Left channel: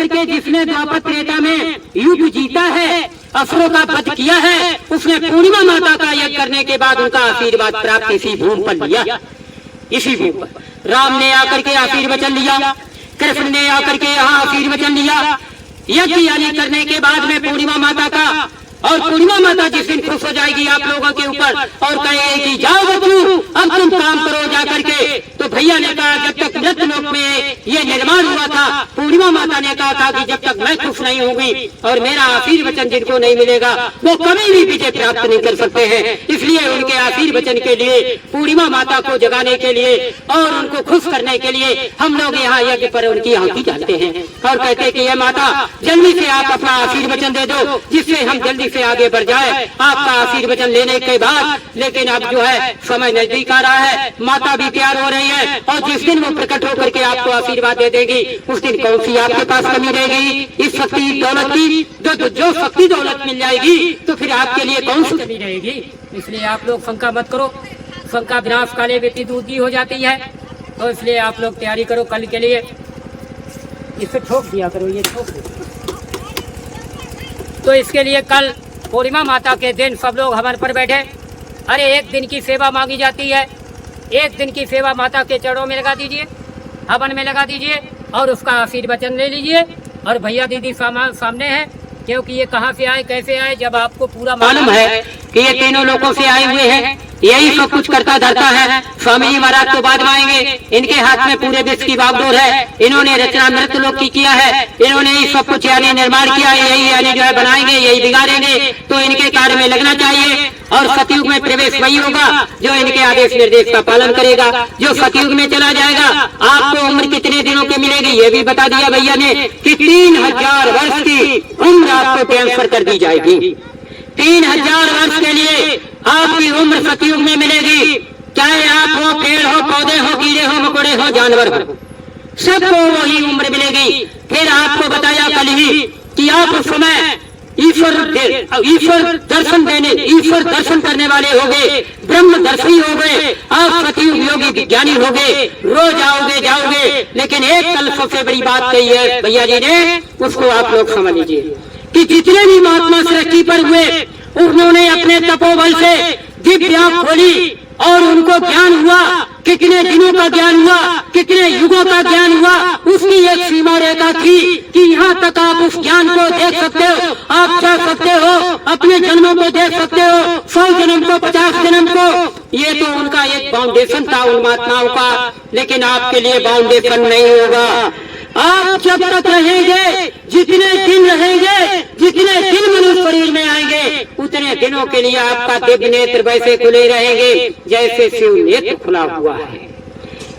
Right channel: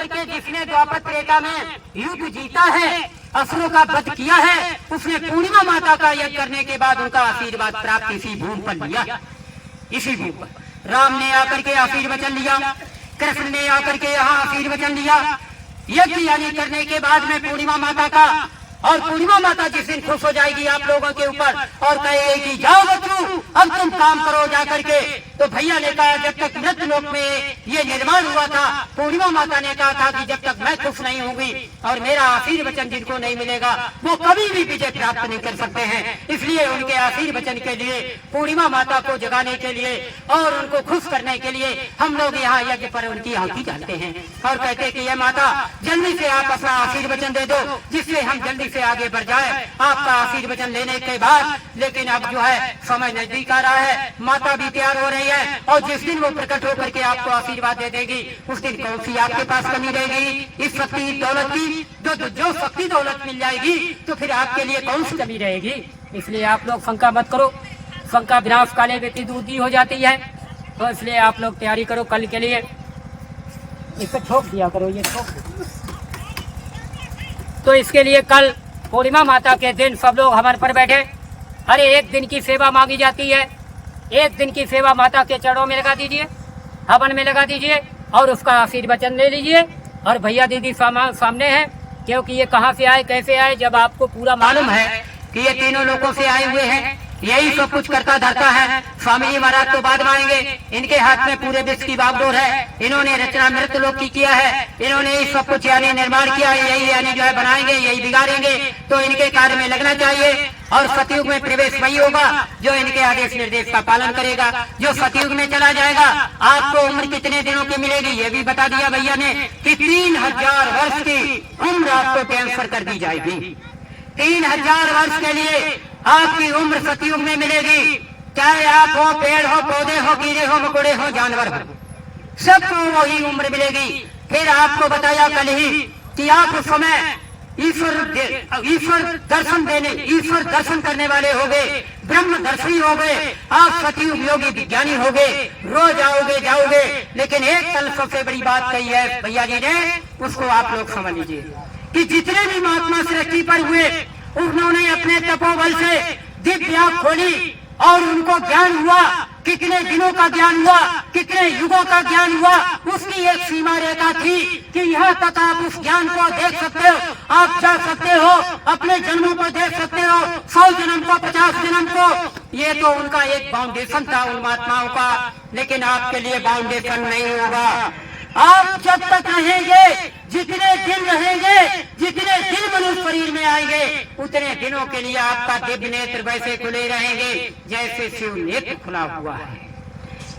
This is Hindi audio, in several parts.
करके जिसने द्वापर त्रेता में युग जीता है, असुरों का वध किया है, उसने पूर्णिमा माता का यज्ञ करने के बाद उनका आशीर्वाद प्राप्त इसी भूमि पर लिया। इसी भूमि पर राम ने आकर के आशीर्वचन लिया, कृष्ण ने आकर के यहाँ आशीर्वचन लिया। यज्ञ यानी करने के बाद में पूर्णिमा माता का, और पूर्णिमा माता जिस दिन खुश हो जाएगी आप लोगों के ऊपर और कहेगी कि जाओ बच्चों अब तुम काम करो जा करके, तो भैया ने कहा जब तक मृत लोक में ये निर्माण हुआ था, पूर्णिमा माता ने कहा था कि जब तक मैं खुश नहीं होंगी और मेरा आशीर्वचन जिनको नहीं मिलेगा वो कभी भी विजय प्राप्त नहीं कर सकते हैं। इसलिए उनके आशीर्वचन के लिए, पूर्णिमा माता को जगाने के लिए और उनको खुश करने के लिए हम लोग यहाँ यज्ञ पर उनकी आहुति जाते हैं और कहते हैं कि ये माता जल्दी से आप अपना आशीर्वचन दे दो जिससे हम जल्दी से आगे बढ़ जाए आपका आशीर्वचन लेने के बाद। लेकिन अब जो है समय नजदीक आ रहा है, माता भी तैयार हो रही है और जिस दिन वो प्रकट होकर के आपको आशीर्वाद दे देगी उस दिन कौन सी आपके पास कमी रहेगी इस शक्ति दौलत की। जो शक्ति दौलत मिल जाएगी तो फिर आपके लिए कौन सी कमी रहेगी। इसलिए आप लोग शंका मत करो, शंका विनाश काले व्यक्ति दूधी हो जाती है। तो इसलिए आप लोग तैयारी करो कल के लिए। इस पे ठोक दिया करो, ये ठोक दो। तो इसके लिए कल पूर्णिमा माता के दिन सब लोग हवन पर बैठे। अरे एक दिन की सेवा मांगी जाती है, एक दिन की सेवा माता के चरणों में लगा दीजिए, हवन में लगा दीजिए और उसका आशीर्वचन ले लीजिए। और भैया दीदी सामने है, क्योंकि ये कहाँ से आए कैसे आए जब आपको पूरा मालूम है कि ये तीनों लोगों से आए हुए हैं, यही सब कुछ करता धरता है। स्वामी जी महाराज तो बाद में आएंगे, इनके हाथ में पूरे विश्व की बागडोर है। इन्होंने रचना मृत लोक की किया है, इन्होंने ही सब कुछ यानी निर्माण किया है, यही यानी जो है बनाएंगे, यही बिगाड़ेंगे। तो इनके कार्य में लगना चाहिए और सतयुग में प्रवेश वही होगा जो इनके आदेश निर्देश का पालन करेगा। जो सतयुग में चला जाएगा आपको उम्र कितने दिनों की मिलेगी ये भी बता दिया भैया ने कि 3000 वर्ष की उम्र आपको ट्रांसफर कर दी जाएगी। 3000 वर्ष के लिए आपकी उम्र सतयुग में मिलेगी। चाहे आप हो, पेड़ हो, पौधे हो, कीड़े हो, मकोड़े हो, जानवर हो, सबको वही उम्र मिलेगी। फिर आपको बताया कल ही कि आप उस समय ईश्वर दर्शन करने वाले हो गए, ब्रह्मदर्शी हो गए, आप सतयुग योगी विज्ञानी हो गए। रोज आओगे जाओगे, लेकिन एक कल सबसे बड़ी बात कही है भैया जी ने, उसको आप लोग समझ लीजिए कि जितने भी महात्मा सृष्टि पर हुए उन्होंने अपने तपोबल से दिव्य आंख खोली और उनको ज्ञान हुआ। कितने दिनों का ज्ञान हुआ, कितने युगों का ज्ञान हुआ, उसकी एक सीमा रेखा थी कि यहाँ तक आप उस ज्ञान को देख सकते हो, आप जा सकते हो, अपने जन्मों को देख सकते हो, 100 जन्म को, 50 जन्म को। ये तो उनका एक बाउंडेशन था उन महात्माओं का, लेकिन आपके लिए बाउंडेशन नहीं होगा। आप जब तक रहेंगे, जितने दिन रहेंगे, जितने दिन मनुष्य शरीर में आएंगे, उतने दिनों के लिए आपका दिव्य नेत्र वैसे खुले रहेंगे जैसे शिव नेत्र खुला हुआ है।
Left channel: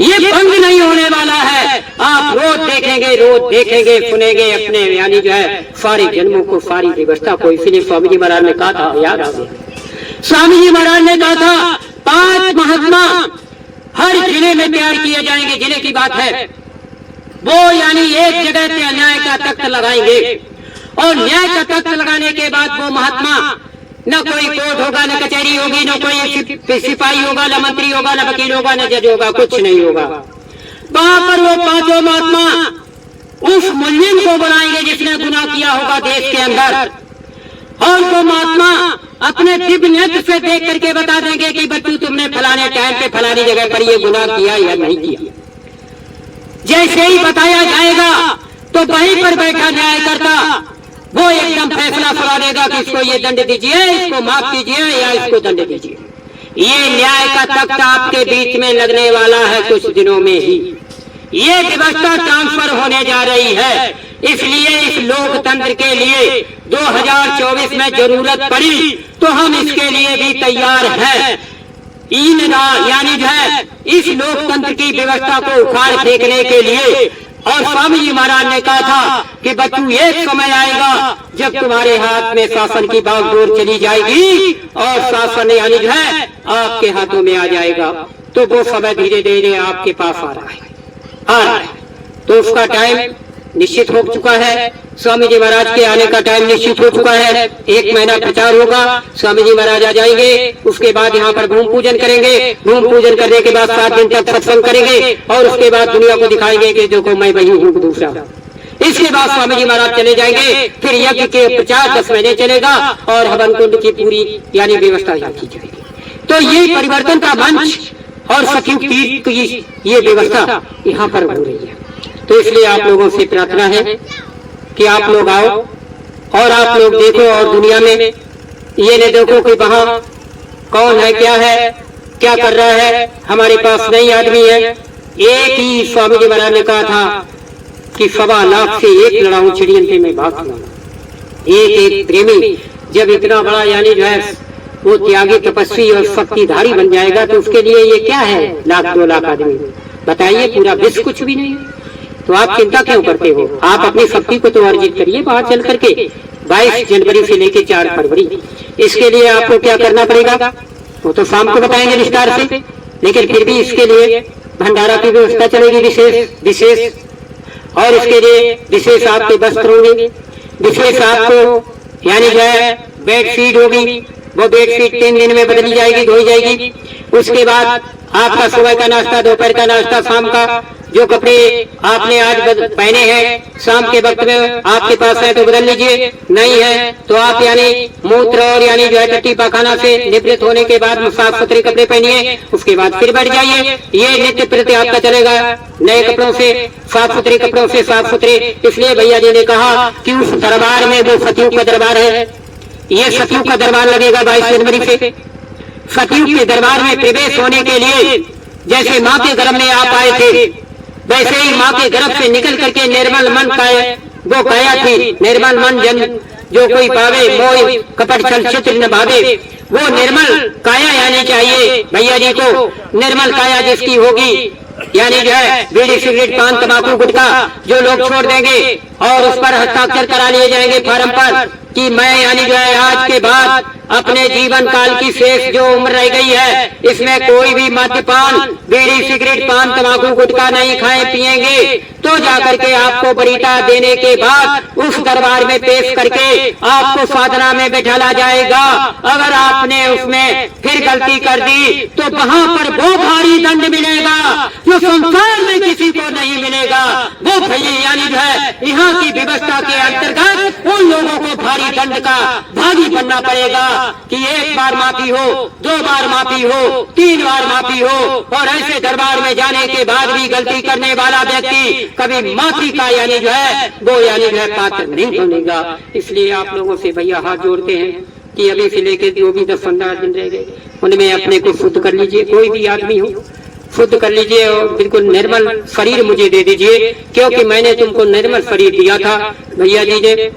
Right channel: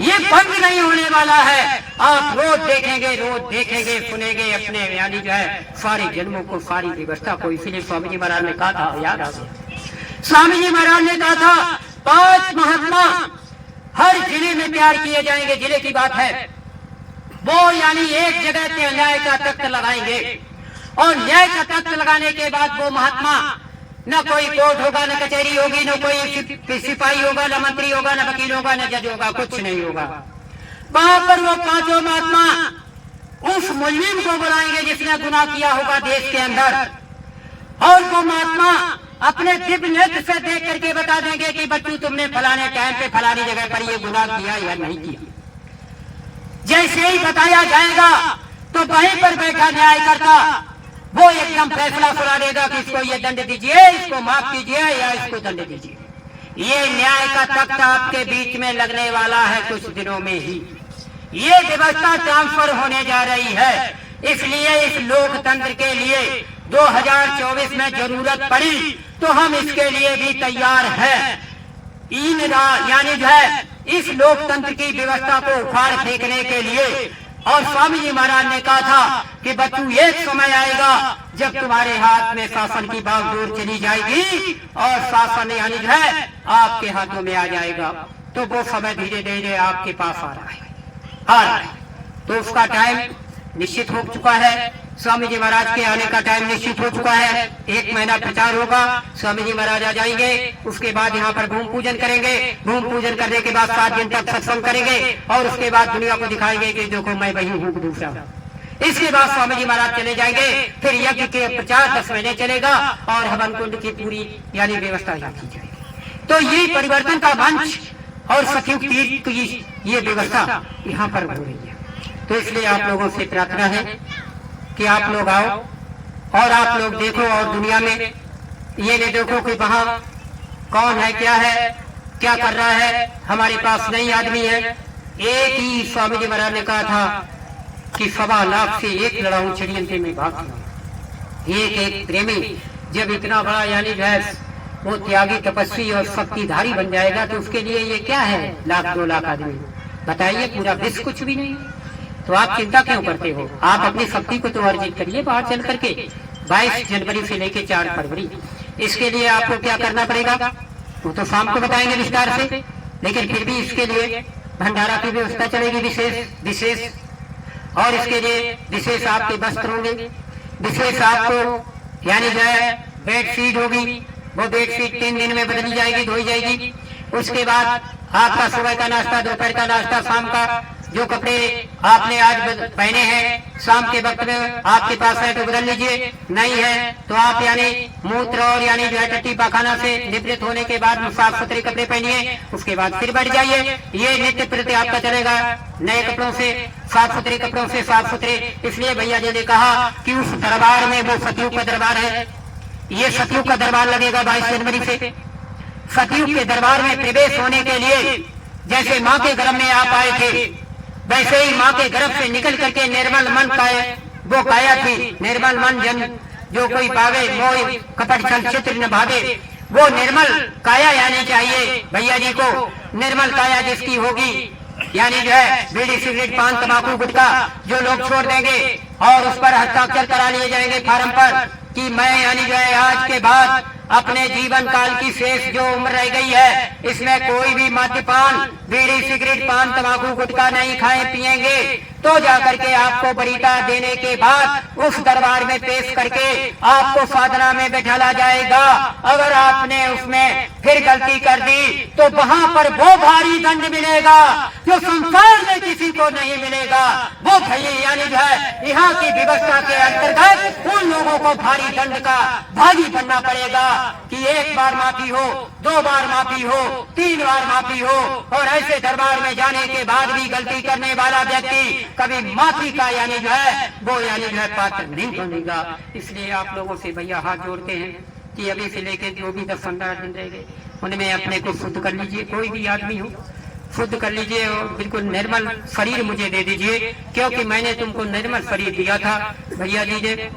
ये बंद नहीं होने वाला है। आप रोज देखेंगे, सुनेंगे अपने यानी जो है सारे जन्मों को, सारी व्यवस्था को। इसीलिए स्वामी जी महाराज ने कहा था, याद आ गया, स्वामी जी महाराज ने कहा था 5 महात्मा हर जिले में तैयार किए जाएंगे। जिले की बात है वो यानी एक जगह पे न्याय का तख्त लगाएंगे और न्याय का तख्त लगाने के बाद वो महात्मा, न कोई कोर्ट होगा, न कचहरी होगी, न कोई सिपाही होगा, न मंत्री होगा, न वकील होगा, न जज होगा, कुछ नहीं होगा। वहां पर वो 5 महात्मा उस मुजरिम को बुलाएंगे जिसने गुनाह किया होगा देश के अंदर, और वो महात्मा अपने दिव्य नेत्र से देख करके बता देंगे कि बच्चों तुमने फलाने टाइम पे फलानी जगह पर ये गुनाह किया या नहीं किया। जैसे ही बताया जाएगा तो वहीं पर बैठा न्याय करता वो एकदम फैसला सुना देगा कि इसको ये दंड दीजिए, इसको माफ कीजिए या इसको दंड दीजिए। ये न्याय का तख्त आपके बीच में लगने वाला है कुछ दिनों में ही। ये व्यवस्था ट्रांसफर होने जा रही है। इसलिए इस लोकतंत्र के लिए 2024 में जरूरत पड़ी तो हम इसके लिए भी तैयार हैं। यानी जो है इस लोकतंत्र की व्यवस्था को उखाड़ फेंकने के लिए। और स्वामी जी महाराज ने कहा था कि बच्चों एक समय आएगा जब तुम्हारे हाथ में शासन की बागडोर चली जाएगी और शासन यानी जो है आपके हाथों में आ जाएगा। तो वो समय धीरे धीरे आपके पास आ रहा है। तो उसका टाइम निश्चित हो चुका है। स्वामी जी महाराज के आने का टाइम निश्चित हो चुका है। 1 महीना प्रचार होगा, स्वामी जी महाराज आ जाएंगे। उसके बाद यहाँ पर भूमि पूजन करेंगे। भूमि पूजन करने के बाद 7 दिन तक सत्संग करेंगे और उसके बाद दुनिया को दिखाएंगे कि देखो मैं वही हूँ दूसरा। इसके बाद स्वामी जी महाराज चले जाएंगे, फिर यज्ञ के 50-10 महीने चलेगा और हवन कुंड की पूरी यानी व्यवस्था यहाँ की जाएगी। तो ये परिवर्तन का मंच और सतयुग तीर्थ की ये व्यवस्था यहाँ पर हो रही है। तो इसलिए आप लोगों से प्रार्थना है कि आप लोग आओ और आप लोग देखो और दुनिया में ये नहीं देखो कि वहाँ कौन है, क्या कर रहा है। हमारे पास नई आदमी है। एक ही स्वामी जी महाराज ने कहा था कि 1.25 लाख से एक लड़ाऊं चिड़ियन पे मैं भाग खिलाऊं। एक प्रेमी जब इतना बड़ा यानी जो है वो त्यागी तपस्वी और शक्तिधारी बन जाएगा तो उसके लिए ये क्या है 1-2 लाख आदमी, बताइए। पूरा विश्व कुछ भी नहीं। तो आप चिंता क्यों करते हो? आप अपनी शक्ति को तो अर्जित करिए बाहर चल करके 22 जनवरी से लेके 4 फरवरी। इसके लिए आपको क्या करना पड़ेगा वो तो शाम को बताएंगे विस्तार से, लेकिन फिर भी इसके लिए भंडारा की व्यवस्था चलेगी विशेष और इसके लिए विशेष आपके वस्त्र होंगे, विशेष आपको यानी जो है बेडशीट होगी, वो बेडशीट 3 दिन में बदली जाएगी, धोई जाएगी। उसके बाद आपका सुबह का नाश्ता, दोपहर का नाश्ता, शाम का जो कपड़े आपने आज पहने हैं शाम के वक्त में आपके पास है तो बदल लीजिए, नहीं है तो आप यानी मूत्र और यानी जो है टट्टी पाखाना से निवृत्त होने के बाद साफ सुथरे कपड़े पहनिए। उसके बाद फिर बैठ जाइए। ये नित्य प्रति आपका चलेगा नए कपड़ों से, साफ सुथरे कपड़ों से, साफ सुथरे। इसलिए भैया जी ने कहा कि उस दरबार में वो सतयुग का दरबार है, ये सतयुग का दरबार लगेगा 22 जनवरी से। सतयुग के दरबार में प्रवेश होने के लिए जैसे माँ के गर्भ में आप आए थे वैसे ही माँ के गर्भ से निकल करके निर्मल मन काया वो काया थी। निर्मल मन जन जो कोई पावे मोह कपट छल चित्र न भावे, वो निर्मल काया यानी चाहिए भैया जी को। निर्मल काया जिसकी होगी यानी जो है बीड़ी सिगरेट पान तंबाकू गुटखा जो लोग छोड़ देंगे और उस पर हस्ताक्षर करा लिए जाएंगे फार्म पर कि मैं यानी जो है आज के बाद अपने जीवन काल की शेष जो उम्र रह गई है इसमें कोई भी मद्यपान बीड़ी सिगरेट पान तंबाकू गुटखा नहीं खाए पिएंगे, तो जाकर के आपको वरीयता देने के बाद उस दरबार में पेश करके आपको साधना में बैठाला जाएगा। अगर आपने उसमें फिर गलती कर दी तो वहाँ पर वो भारी दंड मिलेगा जो संसार में किसी को नहीं मिलेगा। वो भैया यानी जो है यहाँ की व्यवस्था के अंतर्गत उन लोगों को भारी दंड का भागी बनना पड़ेगा कि 1 बार माफी हो, 2 बार माफी हो, 3 बार माफी हो। और ऐसे दरबार में जाने के बाद भी गलती करने वाला व्यक्ति कभी माफी का यानी जो है वो यानी जो है पात्र नहीं बनेगा। इसलिए आप लोगों से भैया हाथ जोड़ते हैं कि अभी से लेके जो भी 10-15 दिन रह गए उनमें अपने को शुद्ध कर लीजिए। कोई भी आदमी हो शुद्ध कर लीजिए और बिल्कुल निर्मल शरीर मुझे दे दीजिए, क्योंकि मैंने तुमको निर्मल शरीर दिया था। भैया जी ने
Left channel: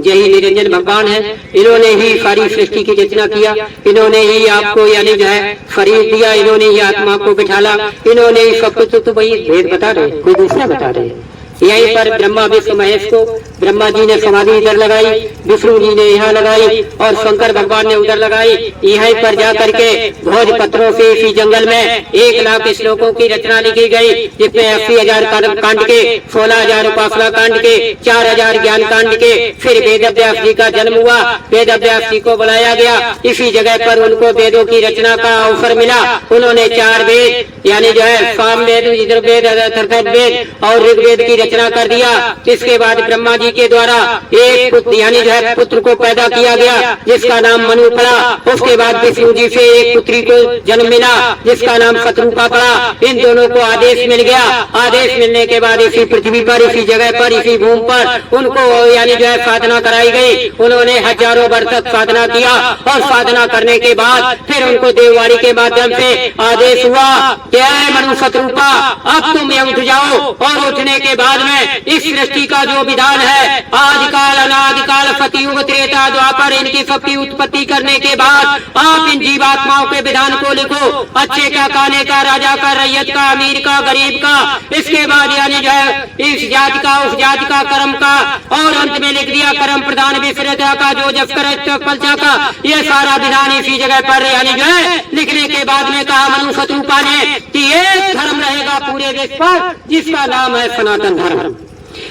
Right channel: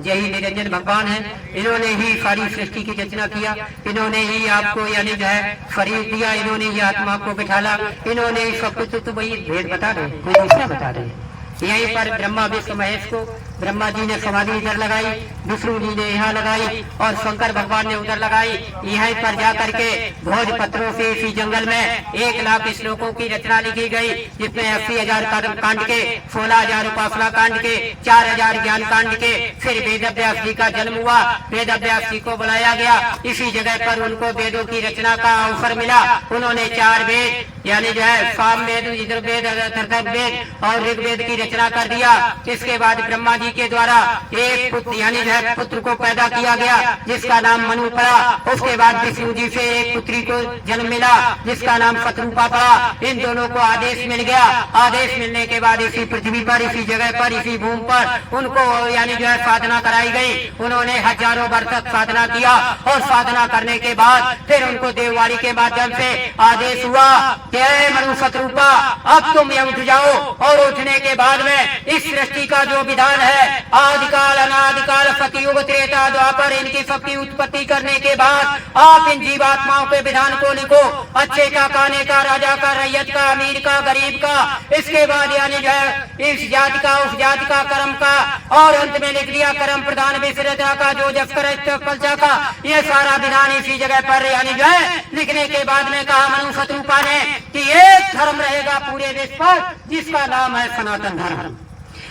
यही निरंजन भगवान है, इन्होंने ही सारी सृष्टि की रचना किया, इन्होंने ही आपको यानी जो है शरीर दिया, इन्होंने ही आत्मा को बिठाला, इन्होंने ही सब कुछ। तो वही भेद बता रहे, कोई दूसरा बता रहे। यहीं पर ब्रह्मा विष्णु महेश को ब्रह्मा जी ने समाधि इधर लगाई, विष्णु जी ने यहाँ लगाई और शंकर भगवान ने उधर लगाई। यहीं पर जा करके भोज पत्रों से इसी जंगल में 1 लाख श्लोकों की रचना लिखी गई, जिसमें 80,000 कांड के, 16,000 उपासना कांड के, 4,000 ज्ञान कांड के। फिर वेद व्यास जी का जन्म हुआ, वेद व्यास जी को बुलाया गया। इसी जगह पर उनको वेदों की रचना का अवसर मिला। उन्होंने 4 वेद यानी जो है साम वेद, यजुर्वेद, अथर्ववेद और ऋग्वेद की रचना कर दिया। इसके बाद ब्रह्मा जी के द्वारा एक पुत्र यानी जो है पुत्र को पैदा किया गया जिसका नाम मनु पड़ा। उसके बाद विष्णु जी से एक पुत्री को जन्म मिला जिसका नाम शत्रुपा पड़ा। इन दोनों को आदेश मिल गया। आदेश मिलने के बाद इसी पृथ्वी पर, इसी जगह पर, इसी भूमि पर उनको यानी जो है साधना कराई गई। उन्होंने हजारों वर्ष तक साधना किया और साधना करने के बाद फिर उनको देववाणी के माध्यम से आदेश हुआ कि मनु शत्रुपा अब तुम यहाँ उठ जाओ। और उठने के बाद में इस सृष्टि का जो विधान है आदिकाल अनादिकाल सतयुग त्रेता द्वापर इनकी सबकी उत्पत्ति करने के बाद आप इन जीवात्माओं के विधान को लिखो, अच्छे का, काने का, राजा का, रैयत का, अमीर का, गरीब का। इसके बाद यानी जो है इस जाति का, उस जाति का, कर्म का, और अंत में लिख दिया कर्म प्रधान विश्रता का, जो जब करे तो पलचा का। ये सारा विधान इसी जगह पर यानी जो है लिखने के बाद में कहा मनु शत्रुपा ने कि एक धर्म रहेगा पूरे देश पर जिसका नाम है सनातन धर्म।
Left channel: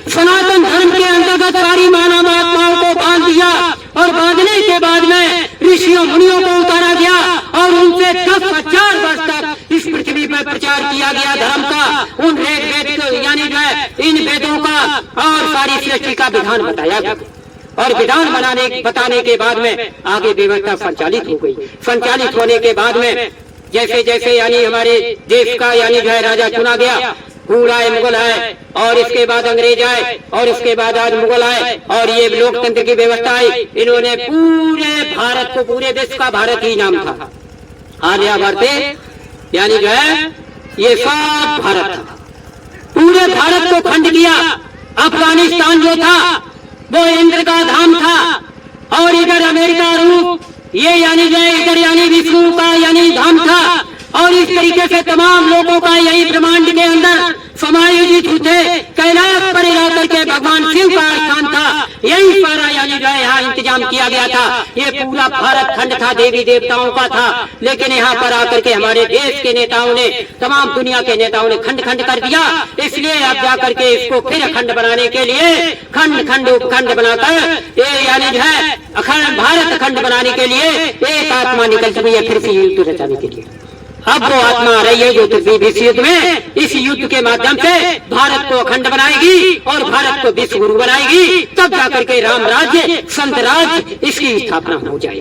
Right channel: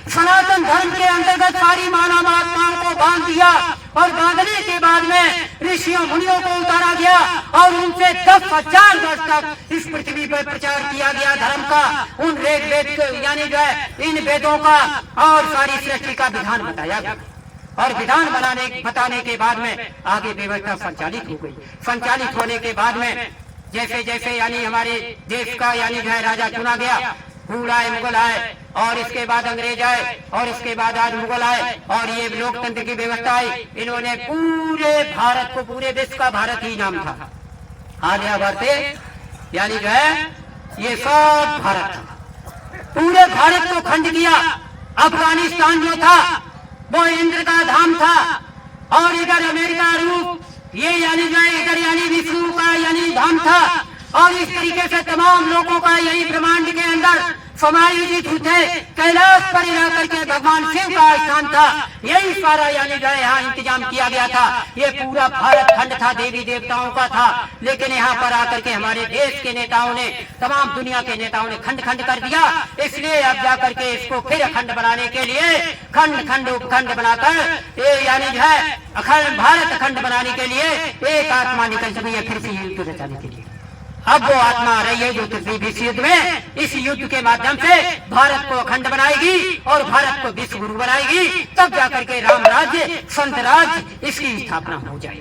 सनातन धर्म के अंतर्गत सारी मानव आत्माओं को बांध दिया और बांधने के बाद में ऋषियों मुनियों को उतारा गया और उनसे 10,000 वर्ष तक इस पृथ्वी पर प्रचार किया गया धर्म का, उन वेद यानी जो है इन वेदों का और सारी सृष्टि का विधान बताया गया। और विधान बताने के बाद में आगे व्यवस्था संचालित हो गई। संचालित होने के बाद में जैसे जैसे यानी हमारे देश का यानी जो है राजा चुना गया, हुण आए, मुगल आए, और इसके बाद अंग्रेज आए, और इसके बाद आज मुगल आए, और ये लोकतंत्र की व्यवस्था आई। इन्होंने पूरे भारत को, पूरे विश्व का भारत ही नाम था, आर्यावर्त यानी जो है ये सब भारत था। पूरे भारत को खंड किया। अफगानिस्तान जो था वो इंद्र का धाम था, और इधर अमेरिका, रूस, ये यानी जो है इधर यानी विष्णु का यानी धाम था। और इस तरीके से तमाम लोगों का यही ब्रह्मांड के अंदर समायोजित थे। कैलाश पर रह करके भगवान शिव का स्थान था। यही सारा यानी जो है यहाँ इंतजाम किया गया था। ये पूरा भारत खंड था, देवी देवताओं का था। लेकिन यहाँ पर आकर के हमारे देश के नेताओं ने, तमाम दुनिया के नेताओं ने खंड खंड कर दिया। इसलिए अब जाकर के इसको फिर अखंड बनाने के लिए खंड खंड उपखंड बनाकर ये यानी जो है अखंड भारत अखंड बनाने के लिए एक आत्मा निकल चुकी है फिर से युद्ध रचाने के लिए। अब वो आत्मा आ रही है जो विश्व युद्ध में, इस युद्ध के माध्यम से भारत को अखंड बनाएगी और भारत को विश्व गुरु बनाएगी। तब जाकर के राम राज्य, संत राज्य, इसकी स्थापना हो जाएगी।